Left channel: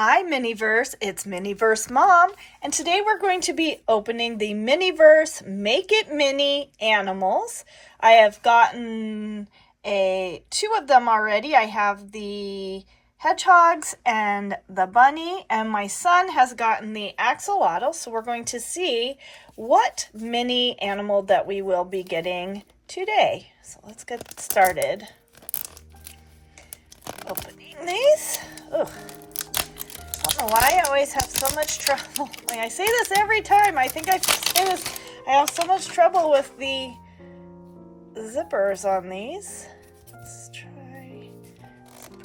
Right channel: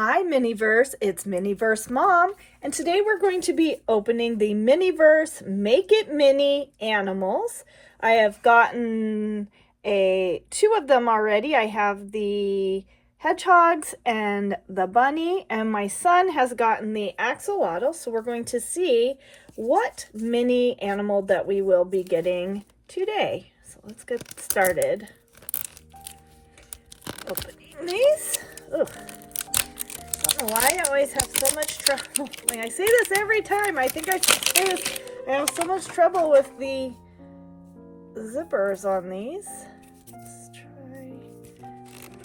Hi MiniVerse, it's MiniVerse Mom, and today we're going to be opening the MiniVerse Make It Mini animals. I have gotten two of them already. I have the hedgehogs and the bunny, and my son has gotten the axolotl, so we're going to see what mini animal that we will be getting today. So let's get started. Opening these. Ugh. I don't know why I always have so much trouble. Like I say this every time. I think I say this. I have so much trouble with the zippers on these. Let's try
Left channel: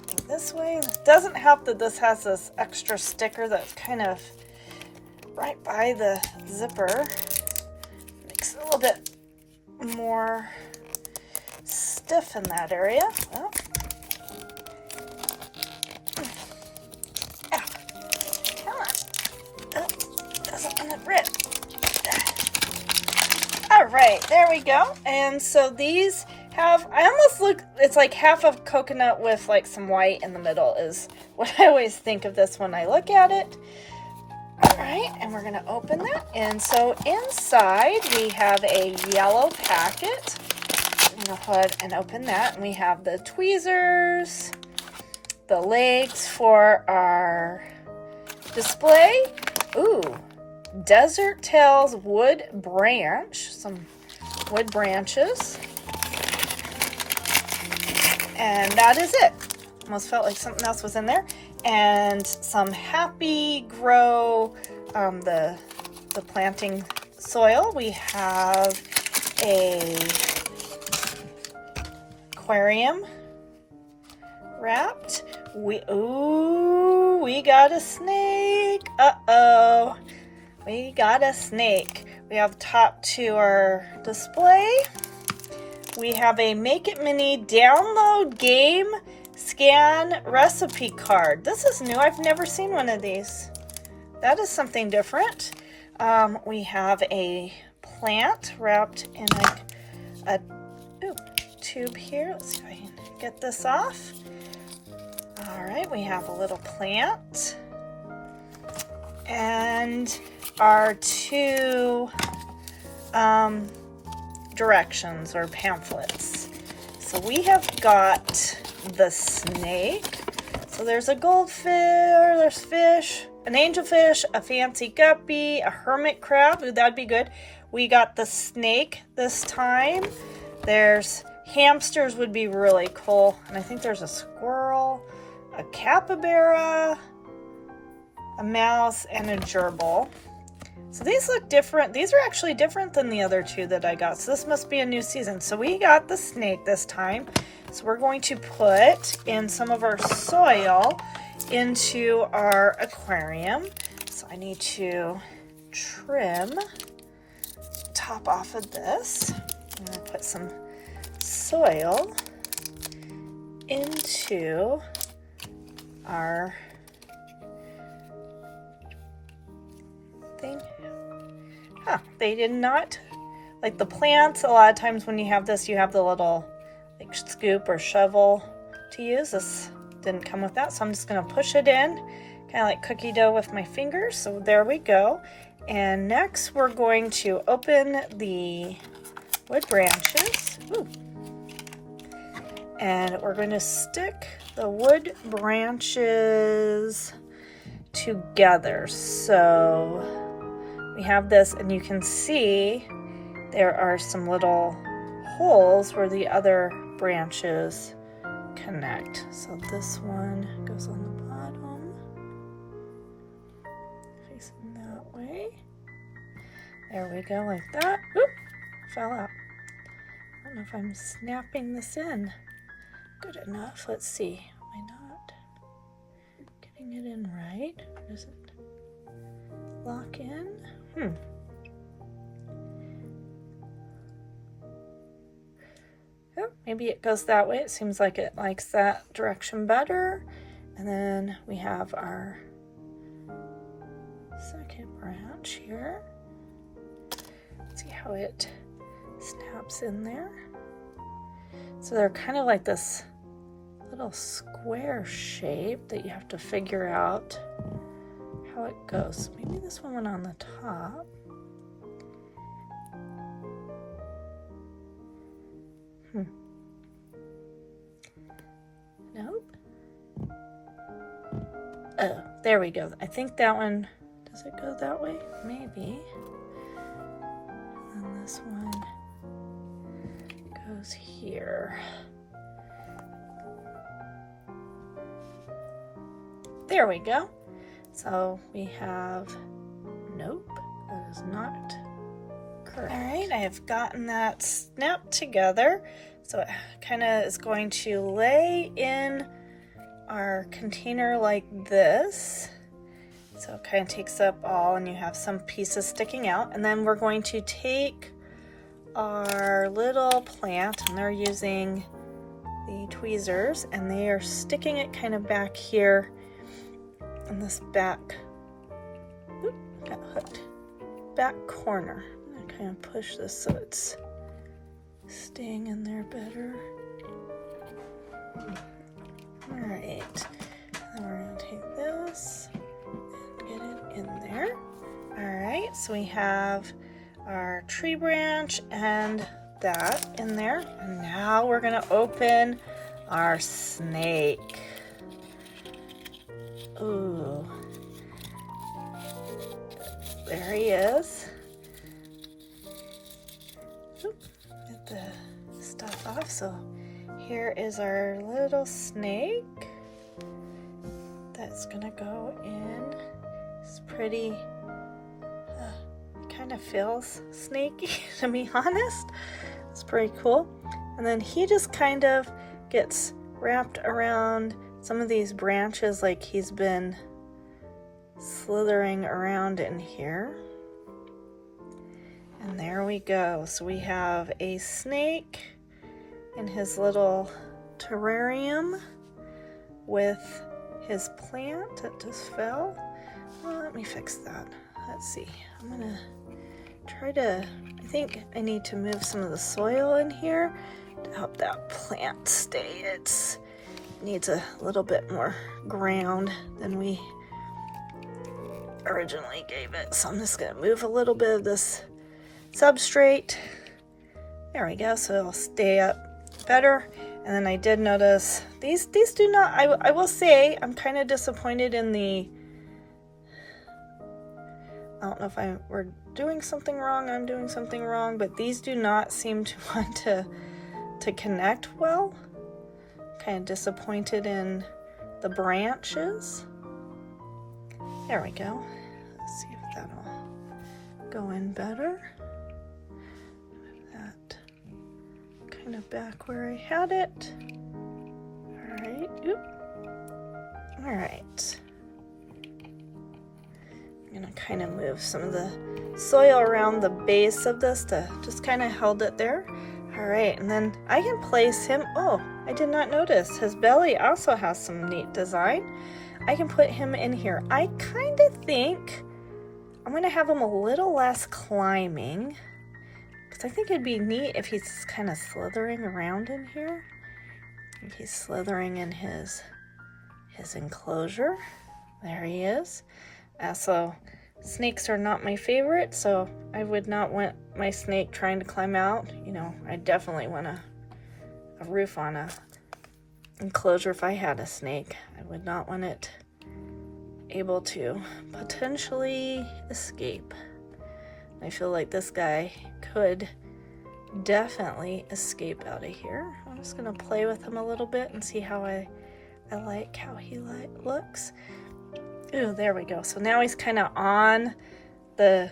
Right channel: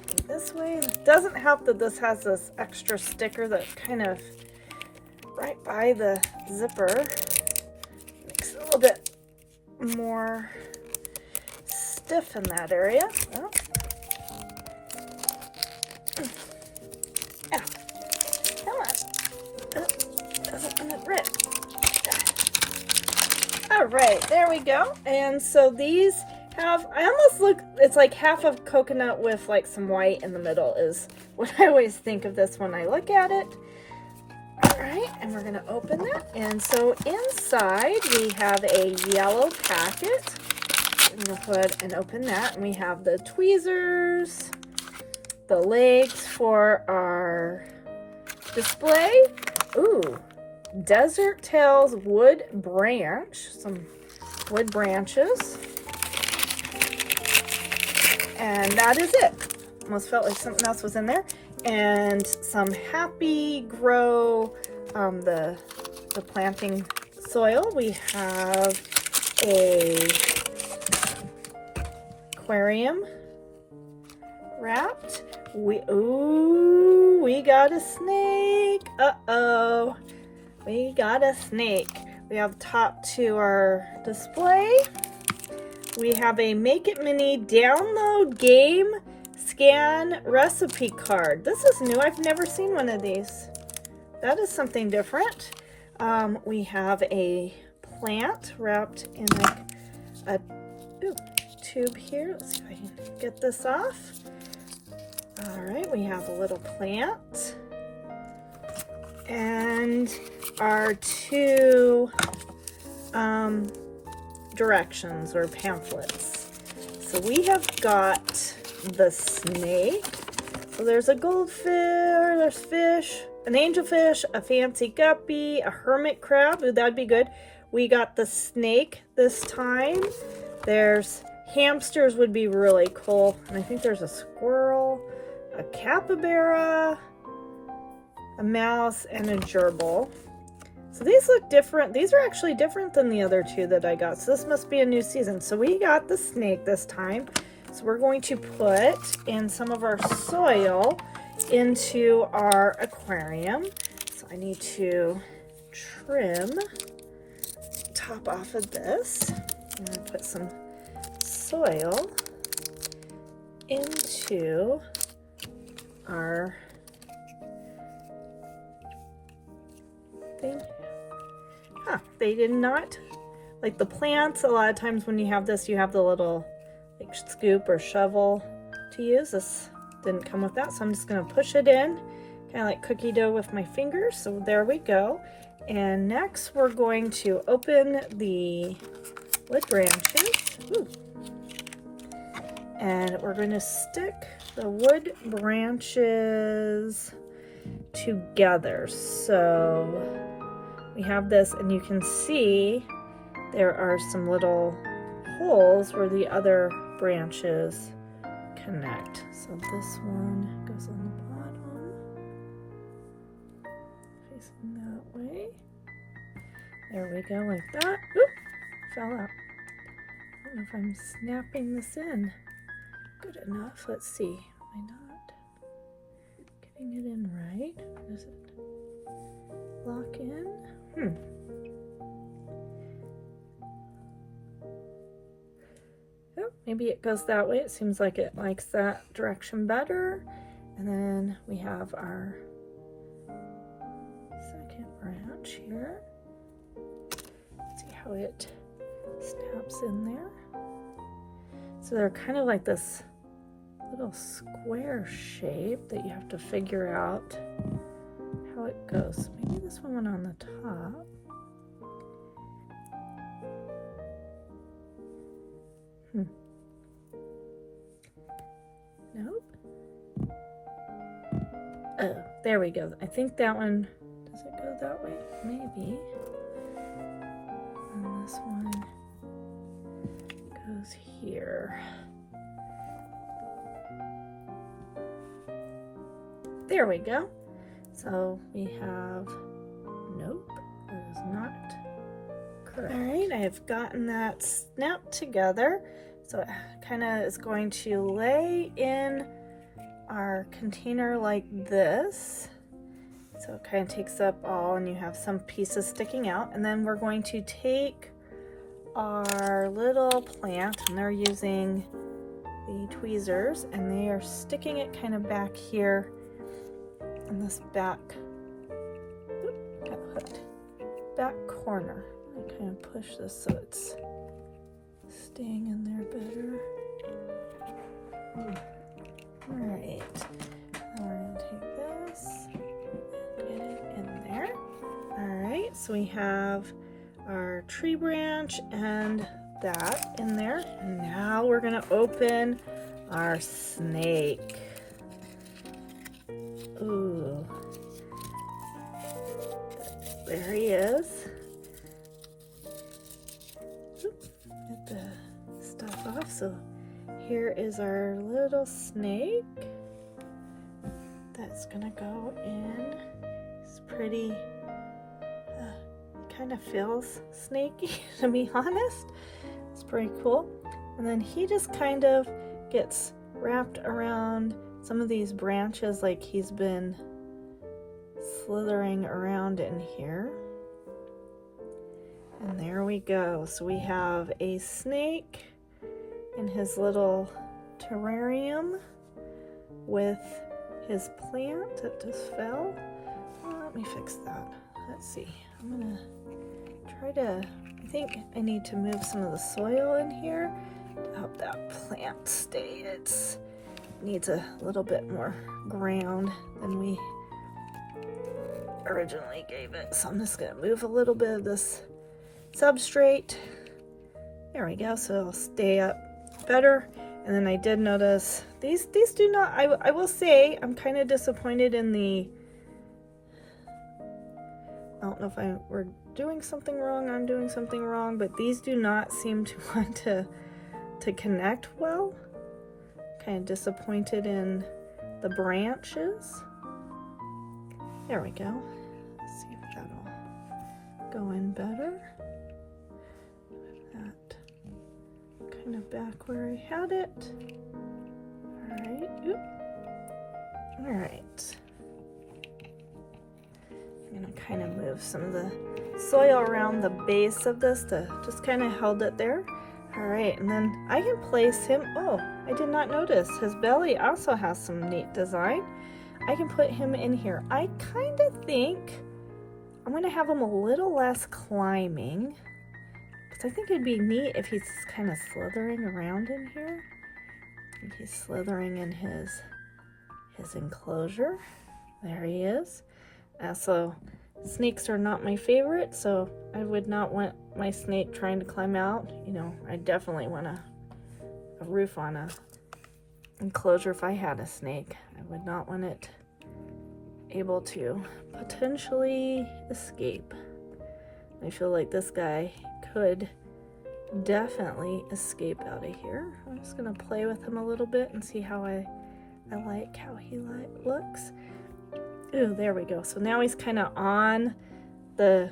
it this way. It doesn't help that this has this extra sticker that's kind of right by the zipper. Makes it a little bit more stiff in that area. Well, doesn't want to rip. All right, there we go. And so these have, I almost look, it's like half of coconut with like some white in the middle is what I always think of this when I look at it. All right, and we're gonna open that. And so inside we have a yellow packet. I'm gonna go ahead and open that. And we have the tweezers, the legs for our display. Ooh. Desert Tails wood branch, some wood branches, and that is it. Almost felt like something else was in there. And some Happy Grow, the planting soil. We have a aquarium wrapped. We got a snake. Uh-oh. We got a snake. We have top to our display. We have a Make It Mini download game scan recipe card. This is new. I've never seen one of these. That is something different. We have a plant wrapped in like a tube here. Let's see if I can get this off. All right, we have a little plant. And our two directions or pamphlets. So we have got the snake. So there's a goldfish, there's fish, an angelfish, a fancy guppy, a hermit crab. Ooh, that'd be good. We got the snake this time. There's hamsters would be really cool. And I think there's a squirrel, a capybara, a mouse, and a gerbil. So these look different. These are actually different than the other two that I got. So this must be a new season. So we got the snake this time. So we're going to put in some of our soil into our aquarium. So I need to trim the top off of this. I'm going to put some soil into our thing. Huh, they did not, like the plants, a lot of times when you have this, you have the little like scoop or shovel to use. This didn't come with that, so I'm just gonna push it in, kind of like cookie dough with my fingers. So there we go. And next we're going to open the wood branches. Ooh. And we're going to stick the wood branches together. So we have this, and you can see there are some little holes where the other branches connect. So this one goes on the bottom, facing that way. There we go, like that. Oop, fell out. I don't know if I'm snapping this in good enough. Let's see. Am I not getting it in right? Or does it lock in? Oh, maybe it goes that way. It seems like it likes that direction better. And then we have our second branch here. Let's see how it snaps in there. So they're kind of like this little square shape that you have to figure out how it goes. Maybe this one went on the top. Nope. Oh, there we go. I think that one, does it go that way? Maybe. And this one goes here. There we go. So we have, nope, that is not correct. All right, I have gotten that snapped together. So it kind of is going to lay in our container like this. So it kind of takes up all, and you have some pieces sticking out. And then we're going to take our little plant, and they're using the tweezers, and they are sticking it kind of back here in this back, got hooked, back corner. I kind of push this so it's staying in there better. All right, now we're gonna take this and get it in there. All right, so we have our tree branch and that in there. And now we're gonna open our snake. Ooh, there he is. Oop, get the stuff off. So here is our little snake that's gonna go in. It's pretty, kind of feels snaky to be honest. It's pretty cool. And then he just kind of gets wrapped around some of these branches like he's been slithering around in here. And there we go. So we have a snake in his little terrarium with his plant that just fell. Well, let me fix that. Let's see. I'm gonna try to, I think I need to move some of the soil in here to help that plant stay. It needs a little bit more ground than we originally gave it. So I'm just gonna move a little bit of this substrate. There we go, so it'll stay up better. And then I did notice these do not, I will say I'm kind of disappointed in the, I don't know if we're doing something wrong, I'm doing something wrong, but these do not seem to want to connect well. Kind of disappointed in the branches. There we go. Let's see if that'll go in better. Move that kind of back where I had it. All right. Oop. All right. I'm gonna kind of move some of the soil around the base of this to just kind of hold it there. All right, and then I can place him. Oh, I did not notice his belly also has some neat design. I can put him in here. I kind of think I'm going to have him a little less climbing, because I think it'd be neat if he's kind of slithering around in here. I think he's slithering in his enclosure. There he is. So snakes are not my favorite, so I would not want my snake trying to climb out. You know, I definitely want a roof on a enclosure if I had a snake. I would not want it able to potentially escape. I feel like this guy could definitely escape out of here. I'm just gonna play with him a little bit and see how I like how he looks. Ooh, there we go. So now he's kind of on the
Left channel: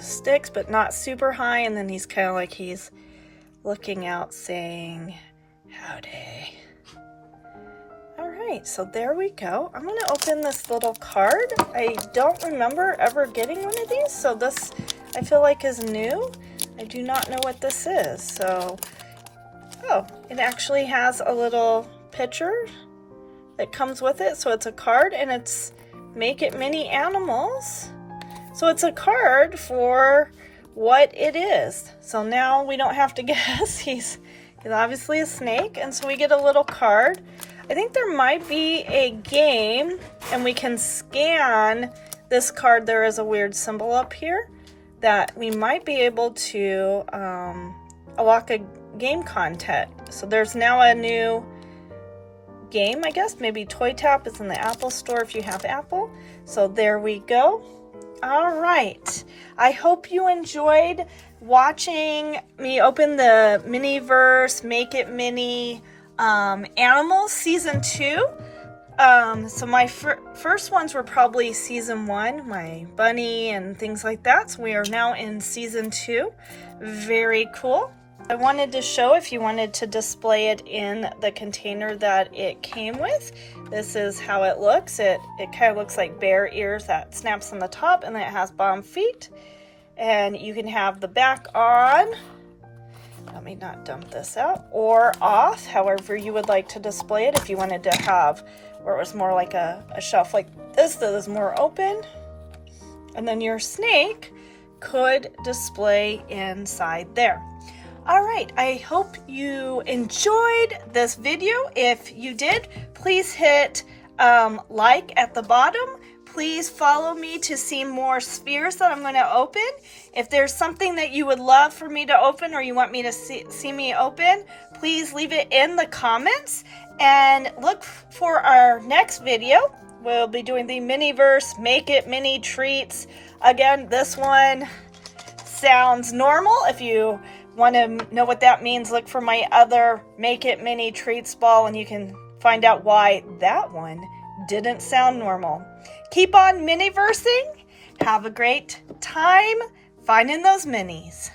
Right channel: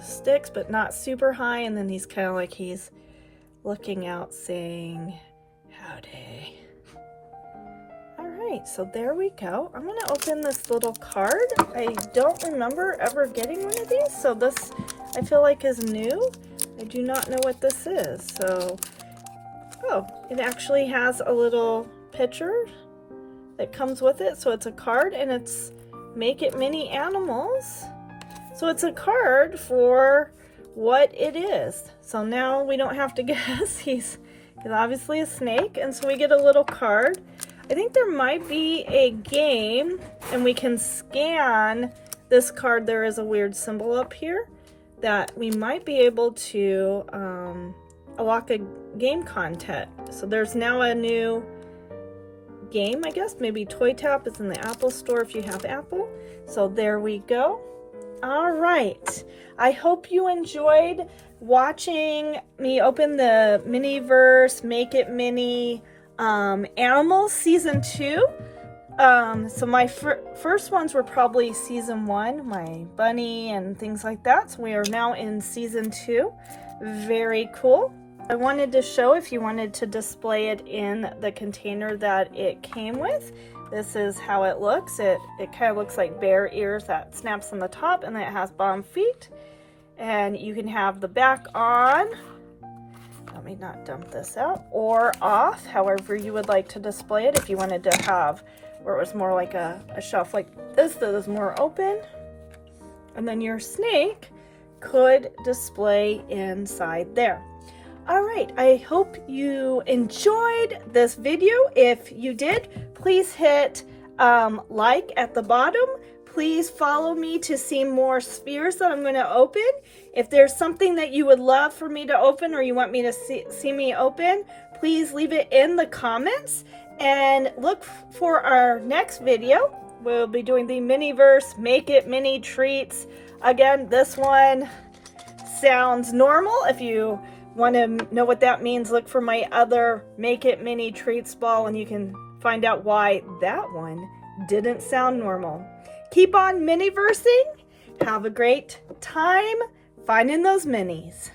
sticks, but not super high, and then he's kind of like he's looking out saying howdy. All right, so there we go. I'm gonna open this little card. I don't remember ever getting one of these, so this I feel like is new. I do not know what this is. So, oh, it actually has a little picture that comes with it. So it's a card, and it's Make It Mini Animals. So it's a card for what it is. So now we don't have to guess. He's He's obviously a snake, and so we get a little card. I think there might be a game, and we can scan this card. There is a weird symbol up here that we might be able to unlock a game content. So there's now a new game, I guess. Maybe Toy Tap is in the Apple Store if you have Apple. So there we go. All right. I hope you enjoyed watching me open the MiniVerse Make It Mini Animals Season 2. So my first ones were probably Season 1, my bunny and things like that. So we are now in Season 2. Very cool. I wanted to show if you wanted to display it in the container that it came with. This is how it looks. It kind of looks like bear ears that snaps on the top, and then it has bottom feet. And you can have the back on. Let me not dump this out. Or off, however you would like to display it. If you wanted to have where it was more like a shelf like this that is more open. And then your snake could display inside there. All right, I hope you enjoyed this video. If you did, please hit like at the bottom. Please follow me to see more spheres that I'm going to open. If there's something that you would love for me to open or you want me to see me open, please leave it in the comments. And look for our next video. We'll be doing the MiniVerse Make It Mini Treats. Again, this one sounds normal. If you want to know what that means, look for my other Make It Mini Treats ball and you can find out why that one didn't sound normal. Keep on mini-versing. Have a great time finding those minis.